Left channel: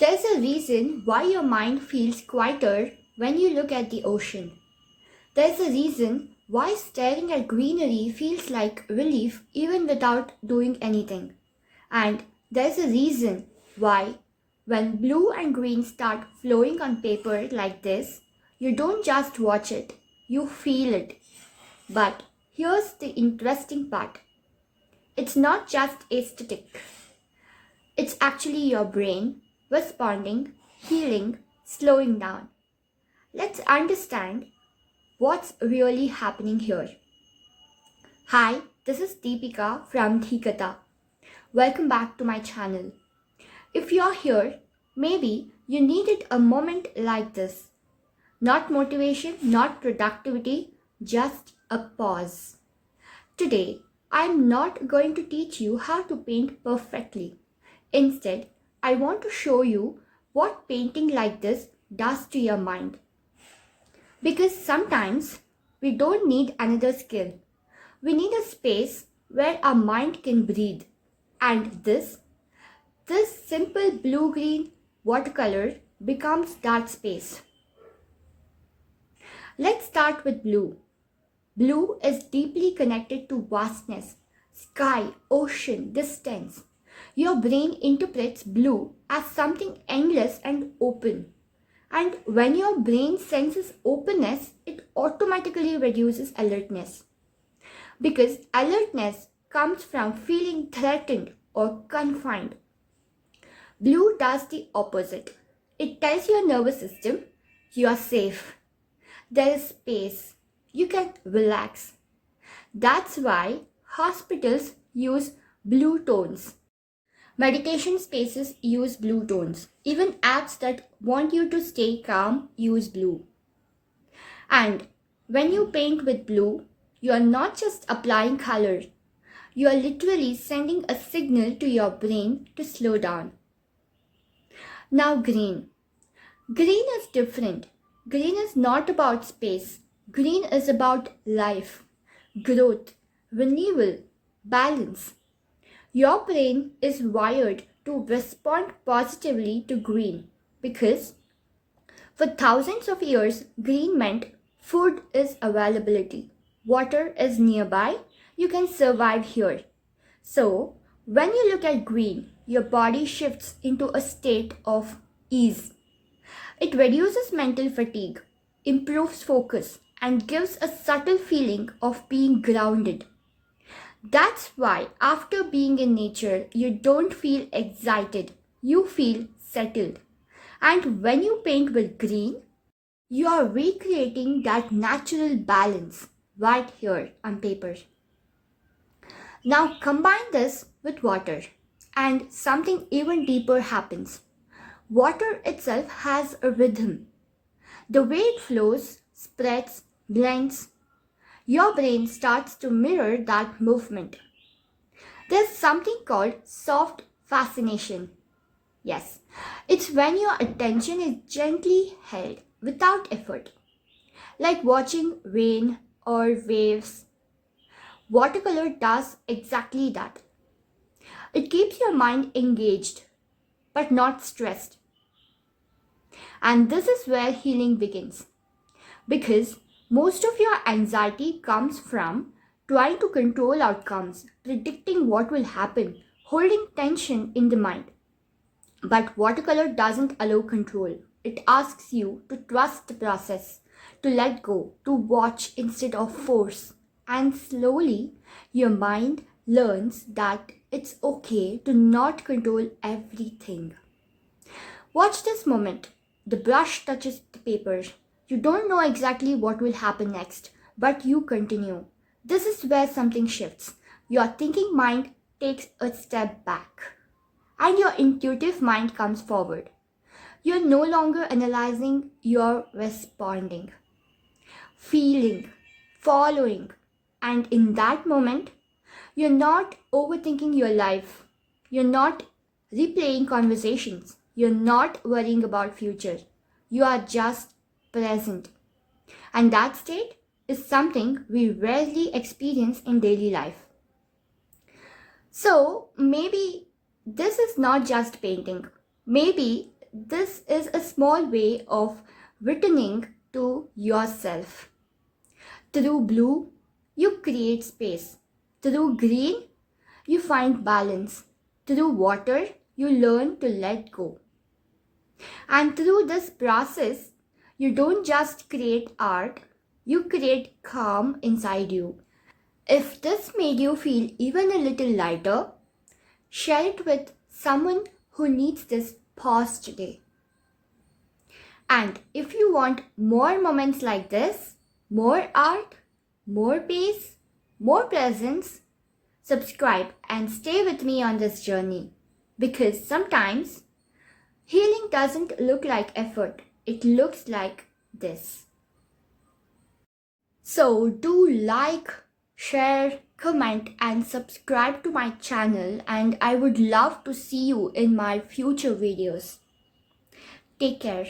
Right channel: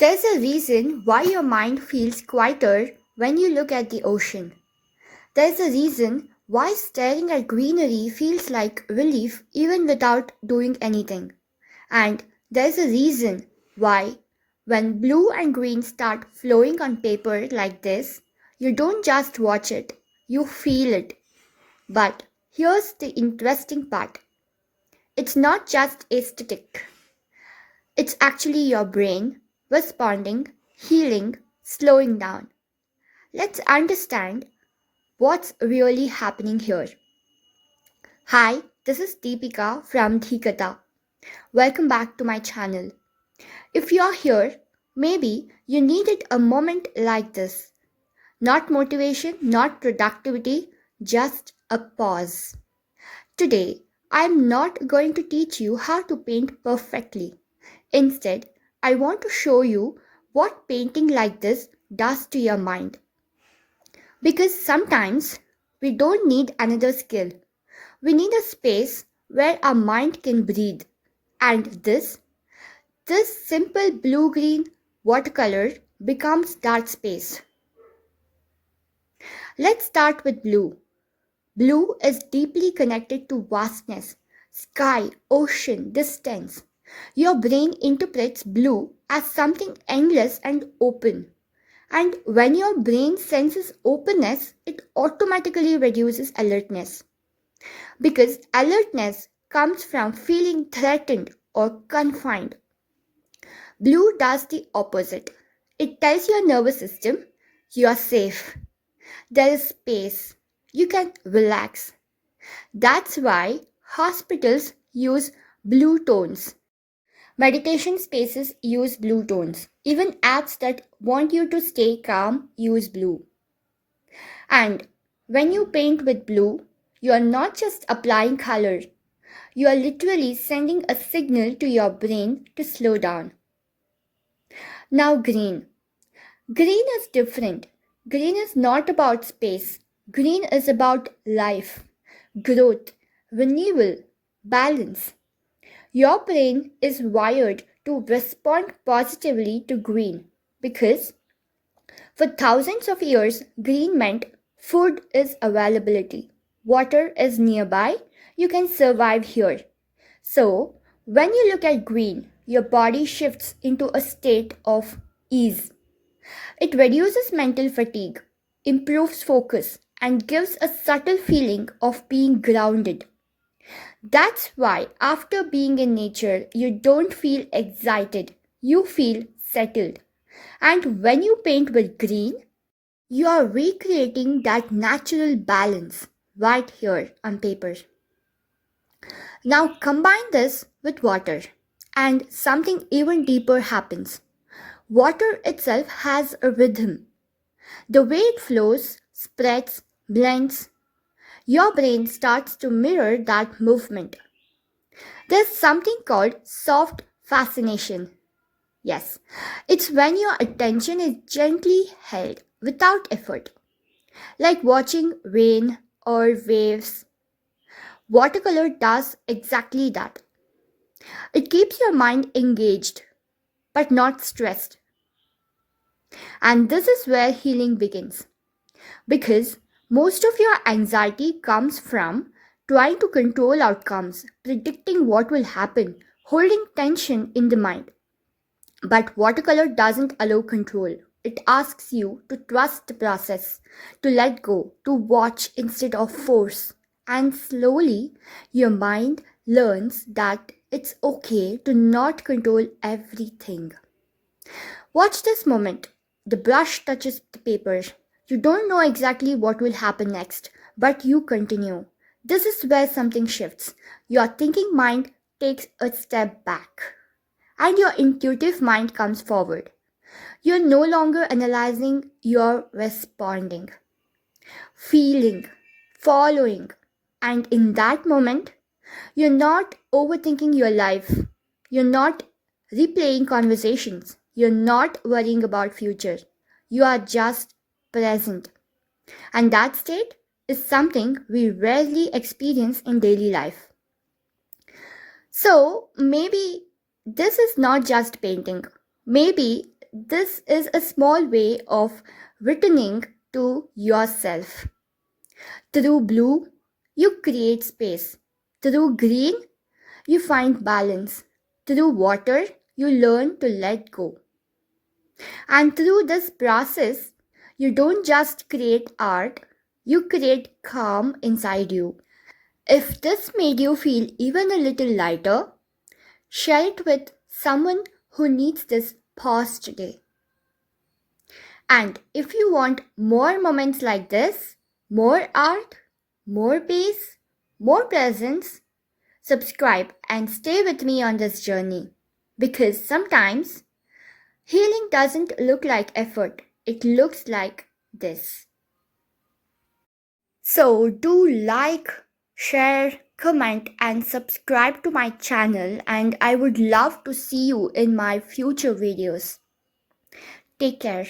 There's a reason why your mind feels quieter when you look at the ocean. There's a reason why staring at greenery feels like relief even without doing anything. And there's a reason why, when blue and green start flowing on paper like this, you don't just watch it, you feel it. But here's the interesting part, it's not just aesthetic, it's actually your brain responding, healing, slowing down. Let's understand what's really happening here. Hi, this is Deepika from Dhikata. Welcome back to my channel. If you're here, maybe you needed a moment like this. Not motivation, not productivity, just a pause. Today, I'm not going to teach you how to paint perfectly. Instead, I want to show you what painting like this does to your mind. Because sometimes we don't need another skill. We need a space where our mind can breathe. And this simple blue-green watercolor becomes that space. Let's start with blue. Blue is deeply connected to vastness, sky, ocean, distance. Your brain interprets blue as something endless and open. And when your brain senses openness, it automatically reduces alertness. Because alertness comes from feeling threatened or confined. Blue does the opposite. It tells your nervous system you are safe. There is space. You can relax. That's why hospitals use blue tones. Meditation spaces use blue tones. Even apps that want you to stay calm use blue. And when you paint with blue, you are not just applying color. You are literally sending a signal to your brain to slow down. Now green. Green is different. Green is not about space. Green is about life, growth, renewal, balance. Your brain is wired to respond positively to green because for thousands of years, green meant food is availability, water is nearby, you can survive here. So, when you look at green, your body shifts into a state of ease. It reduces mental fatigue, improves focus, and gives a subtle feeling of being grounded. That's why, after being in nature, you don't feel excited, you feel settled. And when you paint with green, you are recreating that natural balance right here on paper. Now combine this with water, and something even deeper happens. Water itself has a rhythm. The way it flows, spreads, blends, your brain starts to mirror that movement. There's something called soft fascination. Yes, it's when your attention is gently held without effort, like watching rain or waves. Watercolor does exactly that. It keeps your mind engaged, but not stressed. And this is where healing begins. Because most of your anxiety comes from trying to control outcomes, predicting what will happen, holding tension in the mind. But watercolor doesn't allow control. It asks you to trust the process, to let go, to watch instead of force. And slowly, your mind learns that it's okay to not control everything. Watch this moment. The brush touches the paper. You don't know exactly what will happen next, but you continue. This is where something shifts. Your thinking mind takes a step back, and your intuitive mind comes forward. You're no longer analyzing, you're responding, feeling, following. And in that moment, you're not overthinking your life. You're not replaying conversations. You're not worrying about future. You are just present. And that state is something we rarely experience in daily life. So maybe this is not just painting. Maybe this is a small way of returning to yourself. Through blue, you create space. Through green, you find balance. Through water, you learn to let go. And through this process, you don't just create art, you create calm inside you. If this made you feel even a little lighter, share it with someone who needs this pause today. And if you want more moments like this, more art, more peace, more presence, subscribe and stay with me on this journey. Because sometimes healing doesn't look like effort, it looks like this. So do like, share, comment, and subscribe to my channel, and I would love to see you in my future videos. Take care.